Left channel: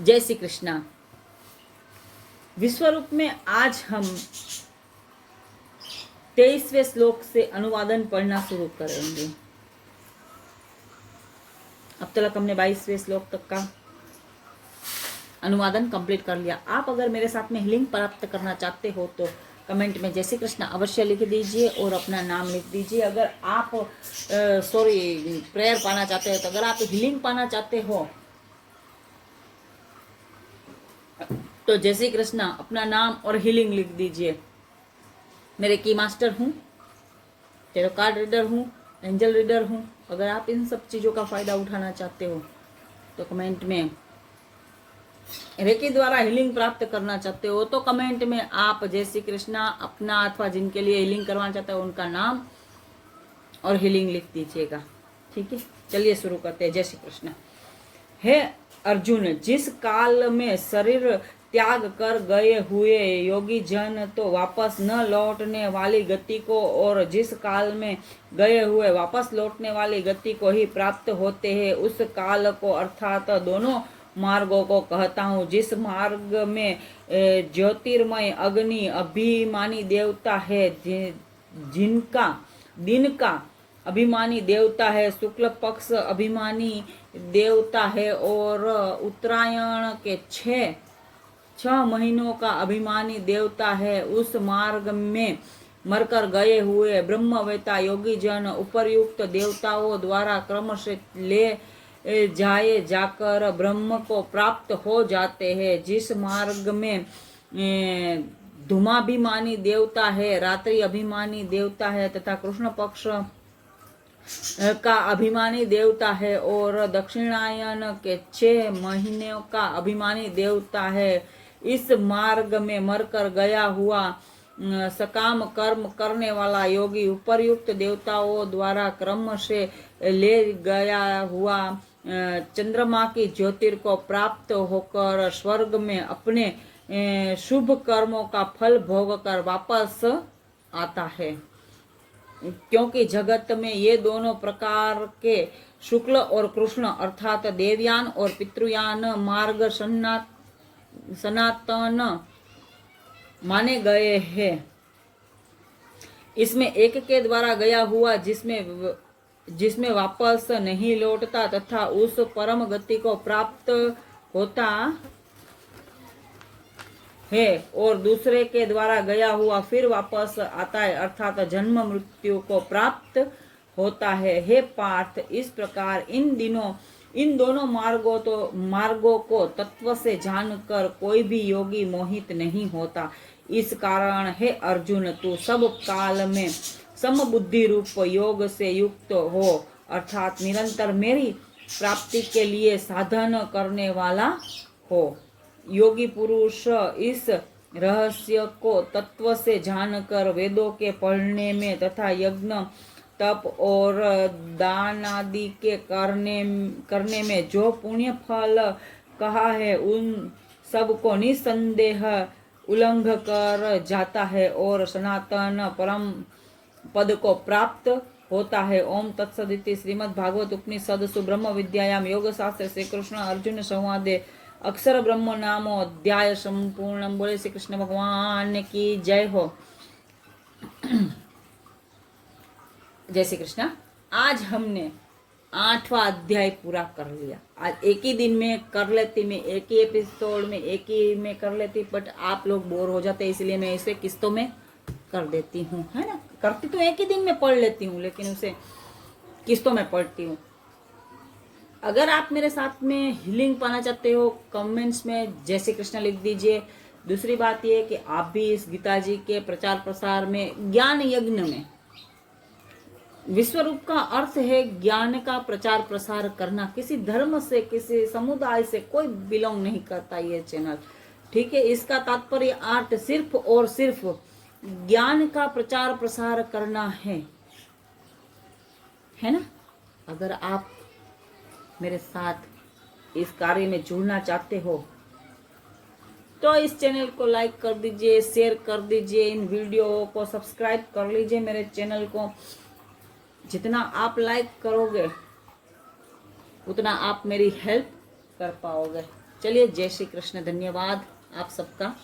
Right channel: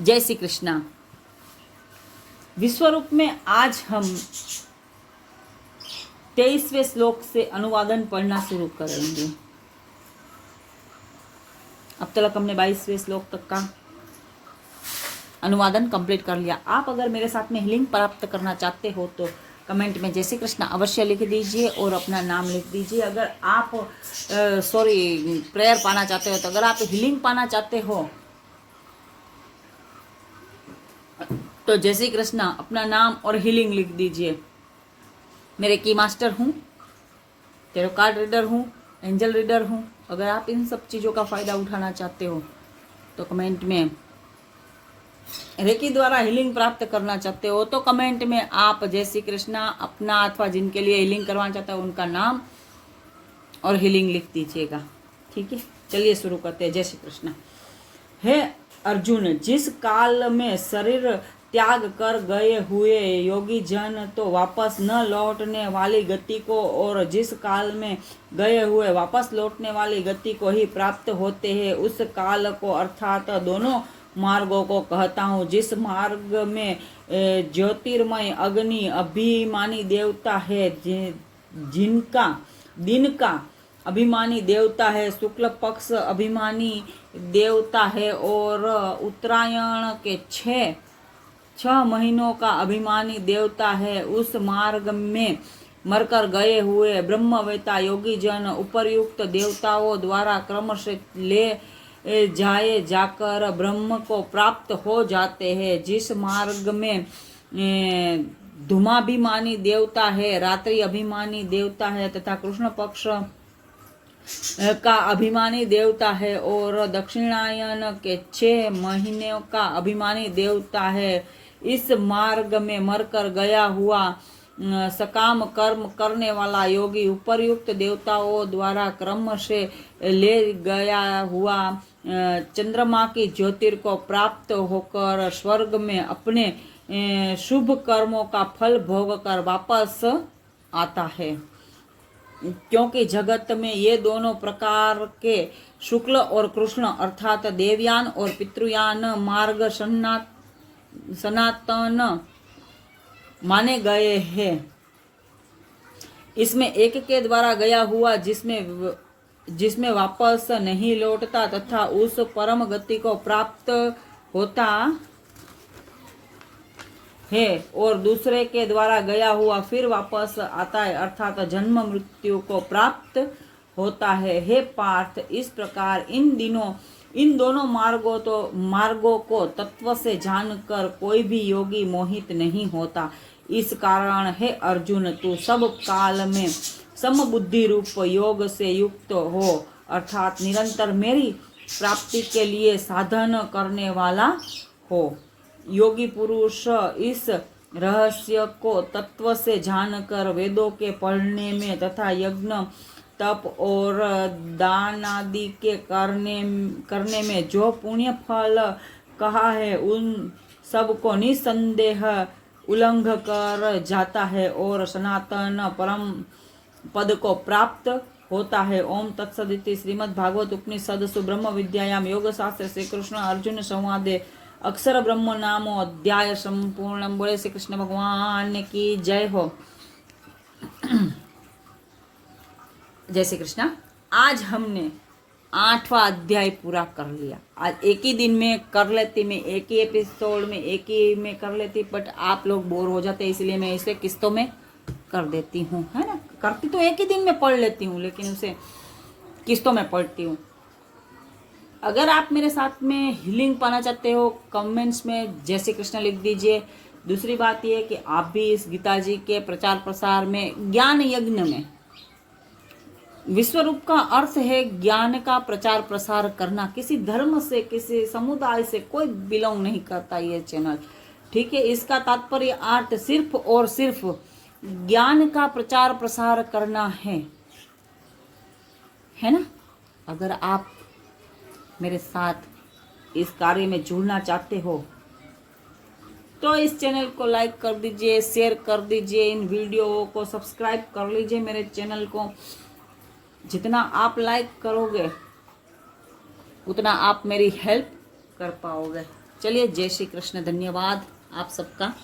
जय श्री कृष्णा। विश्वरूप में आज हम 23वें श्लोक से अनुवादन पढ़ना शुरू करेंगे। अब तक हमने 22वें श्लोक तक का अनुवादन कंप्लीट कर लिया। आप अगर मेरे साथ में हीलिंग प्राप्त करना चाहते हो तो कमेंट में जय श्री कृष्णा अवश्य लिख दीजिए और अपना नाम लिख दीजिए। अगर आप प्रेयर पाना चाहते हो तो अगर आप हीलिंग पाना चाहते हो तो जय श्री कृष्णा अपना नाम और हीलिंग लिख दीजिए। मेरे की मास्टर हूँ, टेरो कार्ड रीडर हूँ, एंजल रीडर हूँ। अगर आप इन सब चीज़ों का फ़ायदा उठाना चाहते हो तो कमेंट में, रेकी द्वारा हीलिंग प्राप्त करना चाहते हो तो कमेंट में आप जय श्री कृष्णा अपना अथवा जिनके लिए हीलिंग करवाना चाहते हो उनका नाम और हीलिंग लिख दीजिएगा। ठीक है, चलिए शुरू करते हैं। जय श्री कृष्णा। हे अर्जुन, जिस काल में शरीर त्याग कर गए हुए योगी जन तो वापस न लौटने वाली गति को और जिस काल में गए हुए वापस लौटने वाली गति को ही प्राप्त होते हैं, उस काल को अर्थात दोनों मार्गों को कहता हूँ। जिस मार्ग में ज्योतिर्मय अग्नि अभिमानी देवता है, जिनका दिन का अभिमानी देवता है, शुक्ल पक्ष अभिमानी देवता है और उत्तरायण के छह महीनों का अभिमानी देवता है, उस मार्ग में मरकर गए हुए ब्रह्मवेता योगी जन उपर्युक्त देवताओं द्वारा क्रमशः ले जाए जाकर ब्रह्म को प्राप्त हो जाते हैं। जिस मार्ग में धूमाभिमानी देवता है, रात्रि अभिमानी देवता है तथा कृष्ण पक्ष का अभिमानी देवता है और दक्षिणायन के 6 महीनों का अभिमानी देवता है, इस मार्ग में मरकर गया हुआ सकाम कर्म करने वाला योगी उपर्युक्त देवताओं द्वारा क्रम से ले गया हुआ चंद्रमा की ज्योतिर को प्राप्त होकर स्वर्ग में अपने शुभ कर्मों का फल भोग कर वापस आता है। क्योंकि जगत में ये दोनों प्रकार के शुक्ल और कृष्ण अर्थात देवयान और पितृयान मार्ग सनातन माने गए हैं। इसमें एक के द्वारा गया हुआ जिसमें वापस नहीं लौटता तथा उस परम गति को प्राप्त होता है और दूसरे के द्वारा गया हुआ फिर वापस आता है अर्थात जन्म मृत्यु को प्राप्त होता है। हे पार्थ, इस प्रकार इन दोनों मार्गों को तत्व से जानकर कोई भी योगी मोहित नहीं होता। इस कारण हे अर्जुन, तू सब काल में समबुद्धि रूप योग से युक्त हो अर्थात निरंतर मेरी प्राप्ति के लिए साधन करने वाला हो। योगी पुरुष इस रहस्य को तत्व से जानकर वेदों के पढ़ने में तथा यज्ञ तप और दान आदि के करने में जो पुण्य फल कहा है उन सब को निसंदेह उल्लंघ कर जाता है और सनातन परम पद को प्राप्त होता है। ओम तत्सदिति श्रीमद् भागवत उपनिषद सुब्रह्म विद्यायाम योग शास्त्र श्री कृष्ण अर्जुन संवादे अक्षर ब्रह्म नामो अध्याय संपूर्ण। बोले श्री कृष्ण भगवान की जय हो। जय श्री कृष्ण। आज हमने 8वां अध्याय पूरा कर लिया। आज एक ही दिन में कर लेती, मैं एक ही एपिसोड में एक ही में कर लेती, बट आप लोग बोर हो जाते हैं इसलिए मैं इसे किस्तों में कर देती हूँ, है ना। करती तो एक ही दिन में पढ़ लेती हूँ लेकिन उसे किस्तों में पढ़ती हूँ। अगर आप मेरे साथ में हीलिंग पाना चाहते हो कमेंट्स में जय श्री कृष्ण लिख दीजिए। दूसरी बात यह कि आप भी इस गीता जी के प्रचार प्रसार में ज्ञान यज्ञ में, विश्वरूप का अर्थ है ज्ञान का प्रचार प्रसार करना। किसी धर्म से किसी समुदाय से कोई बिलोंग नहीं करता ये चैनल, ठीक है। इसका तात्पर्य अर्थ सिर्फ और सिर्फ ज्ञान का प्रचार प्रसार करना है ना। अगर आप मेरे साथ इस कार्य में जुड़ना चाहते हो तो इस चैनल को लाइक कर दीजिए, शेयर कर दीजिए, इन वीडियो को सब्सक्राइब कर लीजिए मेरे चैनल को। जितना आप लाइक करोगे उतना आप मेरी हेल्प कर पाओगे। चलिए, जय श्री कृष्ण, धन्यवाद आप सबका।